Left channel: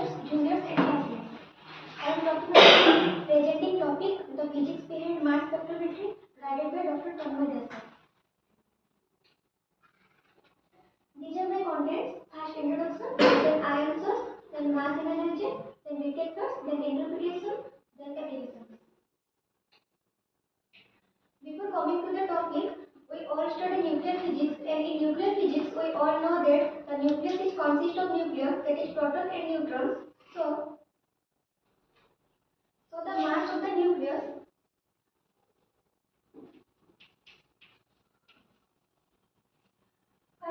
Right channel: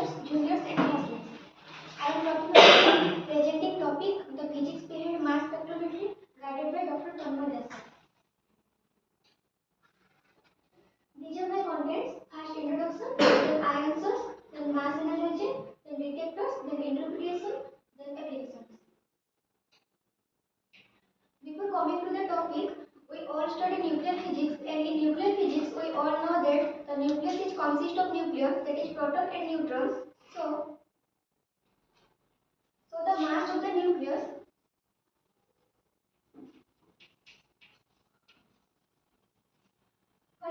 teachers, juniors and classmates. I am talking about the presenting topic, the physics behind mass spectrometry, guided by Dr. Tanmay Desai. These are my contents. First introduction, then ion source, then mass analysis, then detectors, then interpretation, then applications. Before coming to the topic, we all study nuclear physics, and in nuclear physics we all know that the nucleus is consists of nucleus, that is proton and neutrons. So the mass of the nucleus,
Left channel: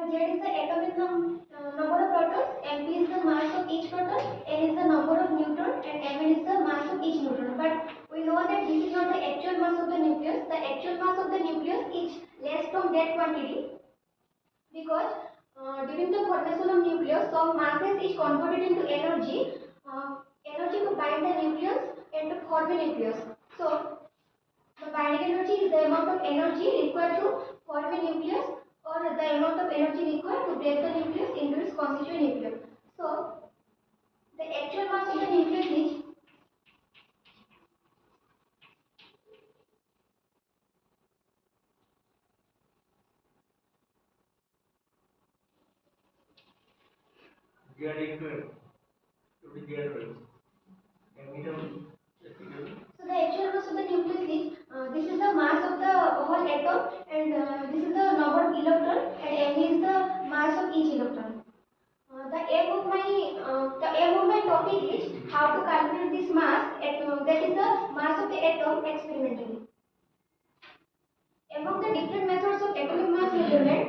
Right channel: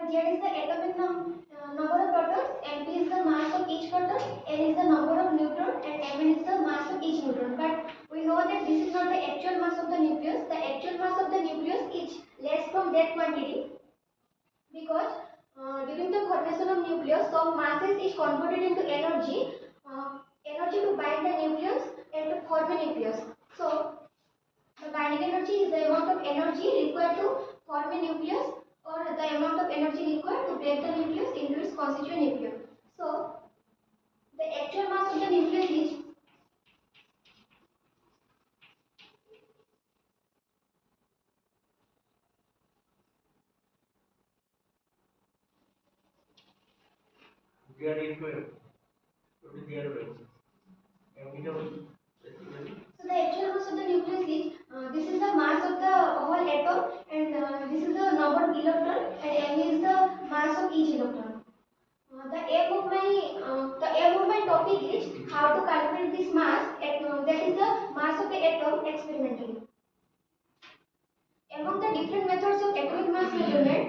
Z is the atomic number of protons, Mp is the mass of each proton, N is the number of neutrons, and Mn is the mass of each neutron. But we know that this is not the actual mass of the nucleus. The actual mass of the nucleus is less from that quantity because during the formation of nucleus, some masses is converted into energy, energy to bind the nucleus and to form a nucleus. So the binding energy is the amount of energy required to form a nucleus or the amount of energy required to break the nucleus into its constituent nucleus. So the actual mass of the nucleus is so the actual mass of the nucleus is this is the mass of the whole atom, and this is the number of electron, and m is the mass of each electron. The aim of my topic is how to calculate this mass, that is the mass of the atom experimentally. Among the different methods of atomic mass measurement,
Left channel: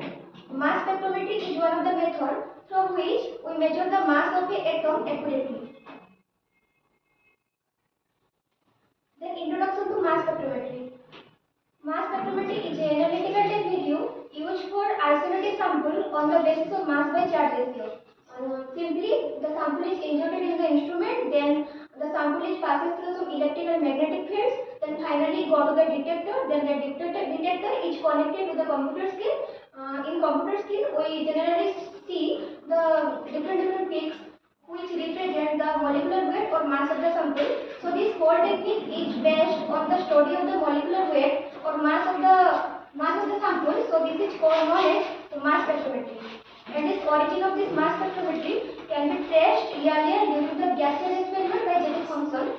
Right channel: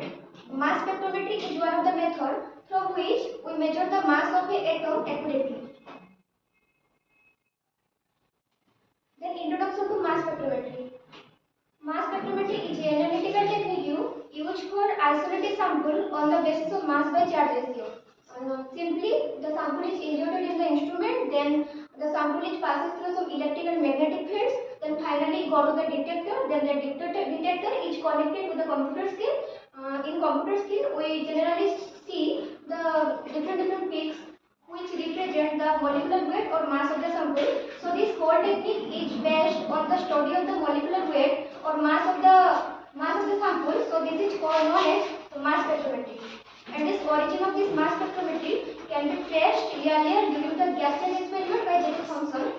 mass spectrometry is one of the methods from which we measure the mass of the atom accurately. Then introduction to mass spectrometry. Mass spectrometry is an analytical technique used for isolating sample on the basis of mass by charge ratio. Simply, the sample is inserted in the instrument, then the sample is passes through some electric and magnetic fields, then finally go to the detector, then the detector is connected to the computer screen. In computer screen, we generally see the different peaks which represent the molecular weight or mass of the sample. So this whole technique is based on the study of the molecular weight or mass of the sample. So this is called known as mass spectrometry. And this origin of this mass spectrometry can be traced earlier during the gaseous experiment by J.J. Thomson.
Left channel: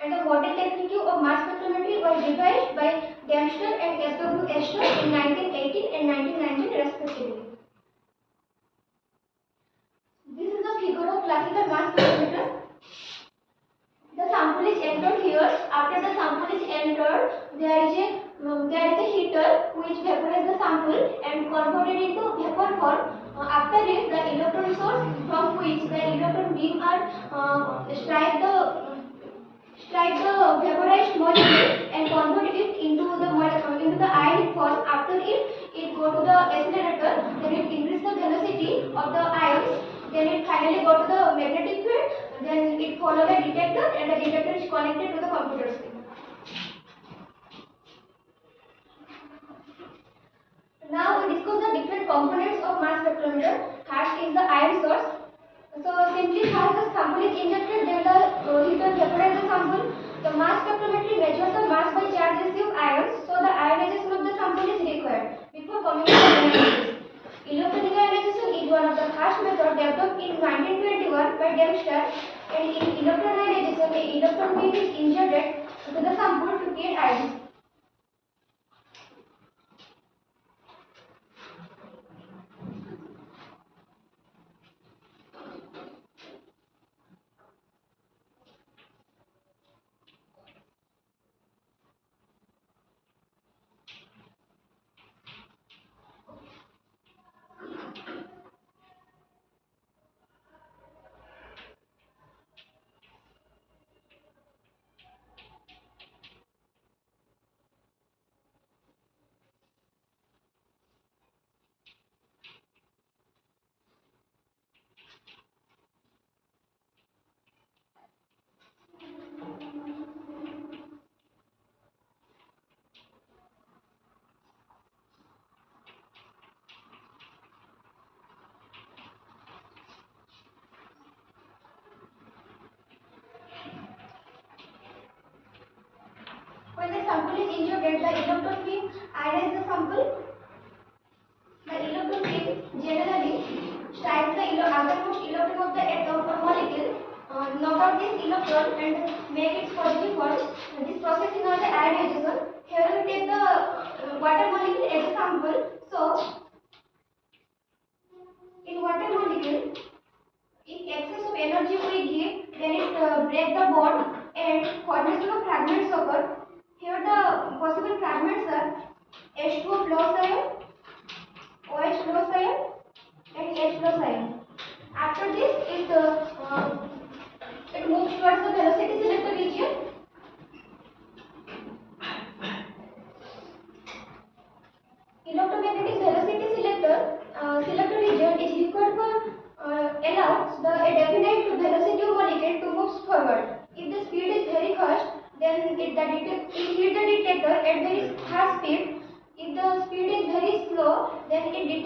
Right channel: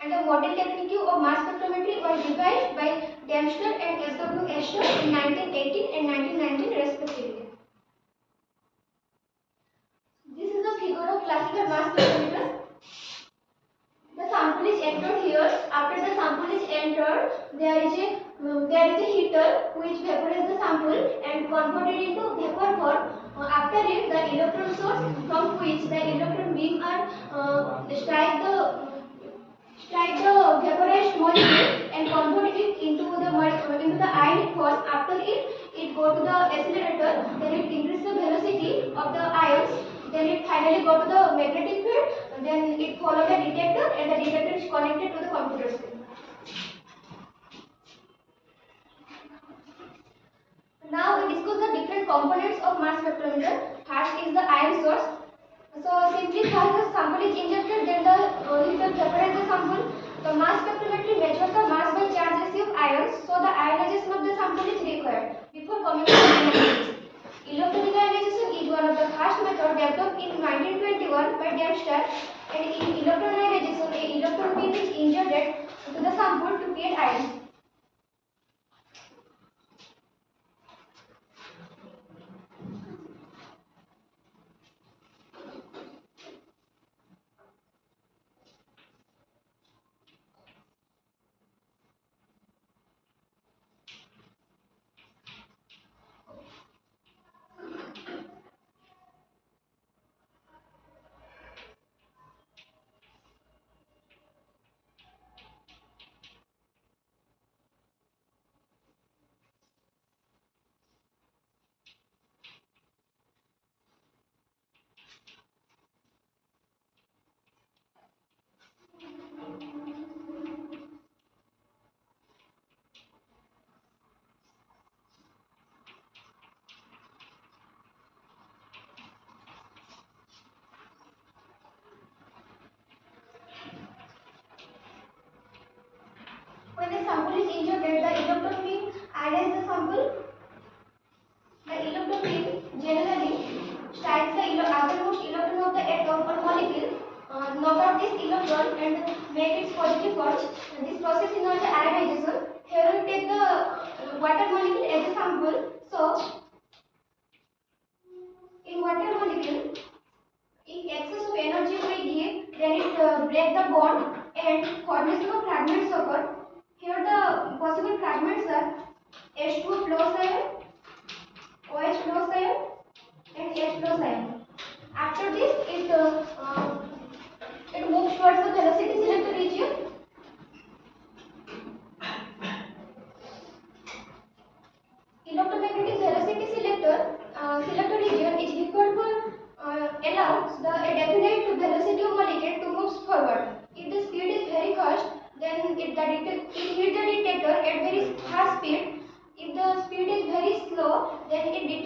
And the model technique of mass spectrometry was devised by Dempster and S.W. Astor in 1918 and 1919 respectively. This is the figure of classical mass spectrometer. The sample is entered here. After the sample is entered, there is a heater which vaporizes the sample and converted into vapor form. After it, the electron source from which the electron beam are strike the vaporized molecule and convert it into the ionic form. After it go to the accelerator, then it increase the velocity of the ions, then it finally go to the magnetic field, then it follow the detector, and the detector is connected to the computer screen. Now we discuss the different components of mass spectrometer. First is the ion source. So simply first the sample is injected, then the heater vaporizes the sample. The mass spectrometry measures the mass by charge ratio of ions. So the ionization of the sample is required before coming to the analysis. Electronic ionization is one of the first method developed in 1921 by Dempster, and in electron ionization, a electron beam is injected to the sample to create ions. sample is injected, the electron beam ionizes the sample. The electron beam generally strikes the outermost electron of the atom or molecule, knock out this electron and make its positive charge. This process is known as ionization. Here we take the water molecule as a sample. So, in water molecule, if excess of energy we give, then it break the bond and formation of fragments occur. Here the possible fragments are H2O plus ion, OH plus ion, and H plus ion. After this, it moves towards the velocity selector region. Electromagnetic velocity selector region is required for allows a definite velocity of molecule to move forward. If the speed is very fast, then it hits the detector at very fast speed. If the speed is very slow, then it is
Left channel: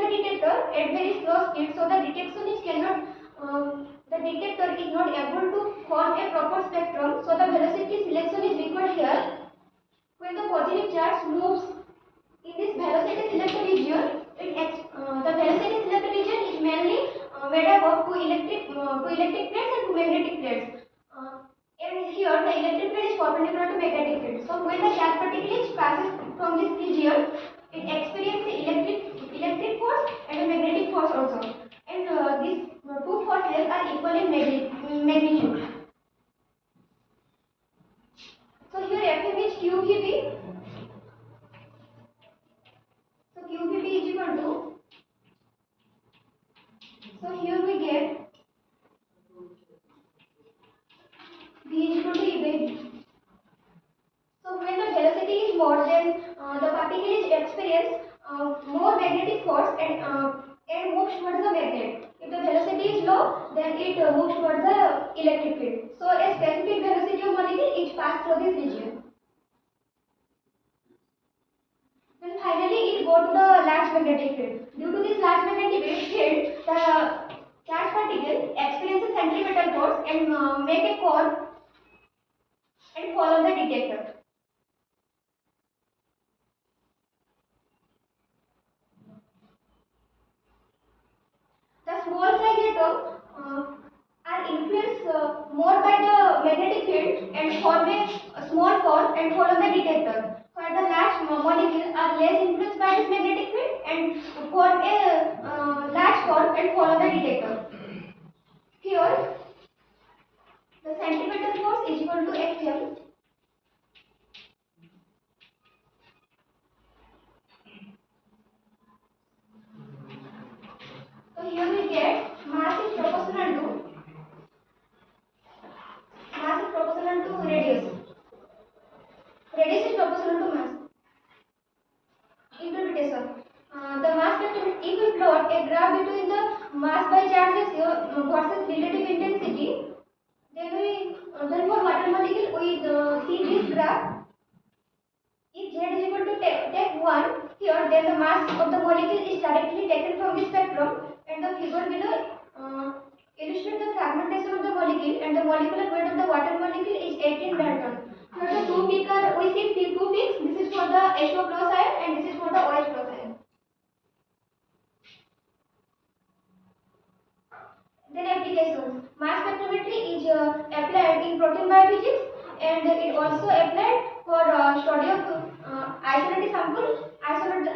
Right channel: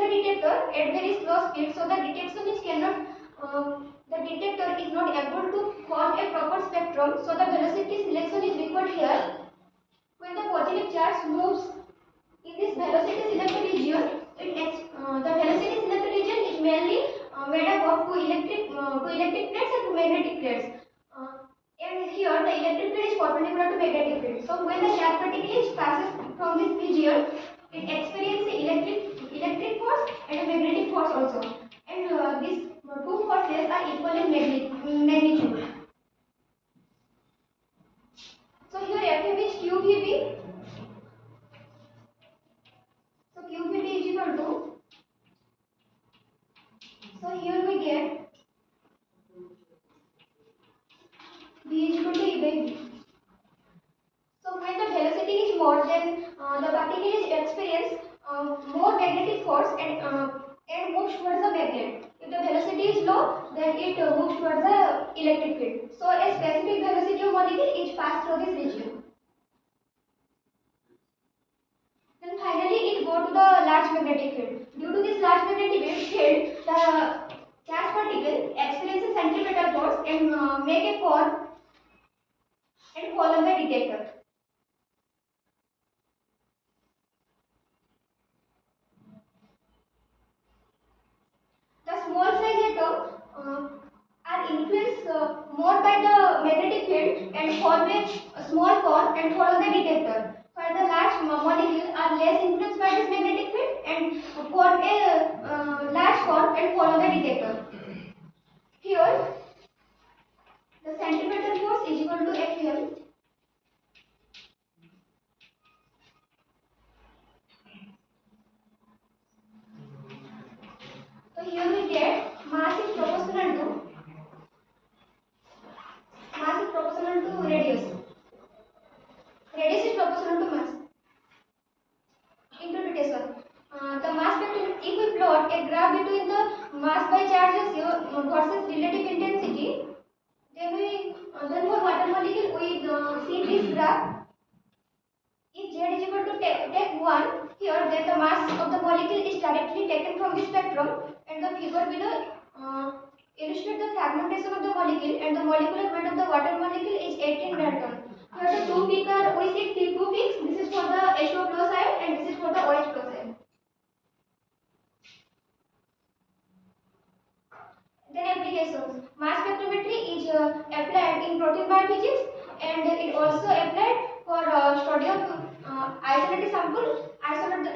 the detector at very slow speed. So the detection is cannot. The detector is not able to form a proper spectrum. So the velocity selection is required here. When the positive charge moves in this velocity selector region, the velocity selector region is mainly made up of two electric plates and two magnetic plates. And here the electric plate is perpendicular to magnetic plate. So when the charge particle passes from this region, it experiences electric force and a magnetic force also. And these two forces are equal in magnitude. So here Fm is QVB. So QVB is equal to, so here we get V is equal to E by V. So when the velocity is more, then the particle is experience more magnetic force and moves towards the magnet. If the velocity is low, then it moves towards the electric field. So a specific velocity of molecule is passed through this region. Then finally it go to the large magnetic field. Due to this large magnetic field, the charged particle experiences centripetal force and make a cone and fall on the detector. The small size atom are influenced more by the magnetic field and form a small cone and fall on the detector. While the large molecules are less influenced by this magnetic field and form a large cone and fall on the detector. Here, the centripetal force is equal to Fm. So here we get mass is proportional to radius. Radius is proportional to mass. Interpretation. The mass spectrum, if we plot a graph between the mass by charge ratio versus relative intensity, then for water molecule we see this graph. If Z is equal to take 1 here, then the mass of the molecule is directly taken from the spectrum, and the figure below illustrate the fragmentation of the molecule, and the molecular weight of the water molecule is 18 Dalton. Here the two peaks are, we see two peaks. This is for the H2O plus ion and this is for the OH plus ion. Then applications. Mass spectrometry is applied in protein biophysics, and it also applied for study of isolate the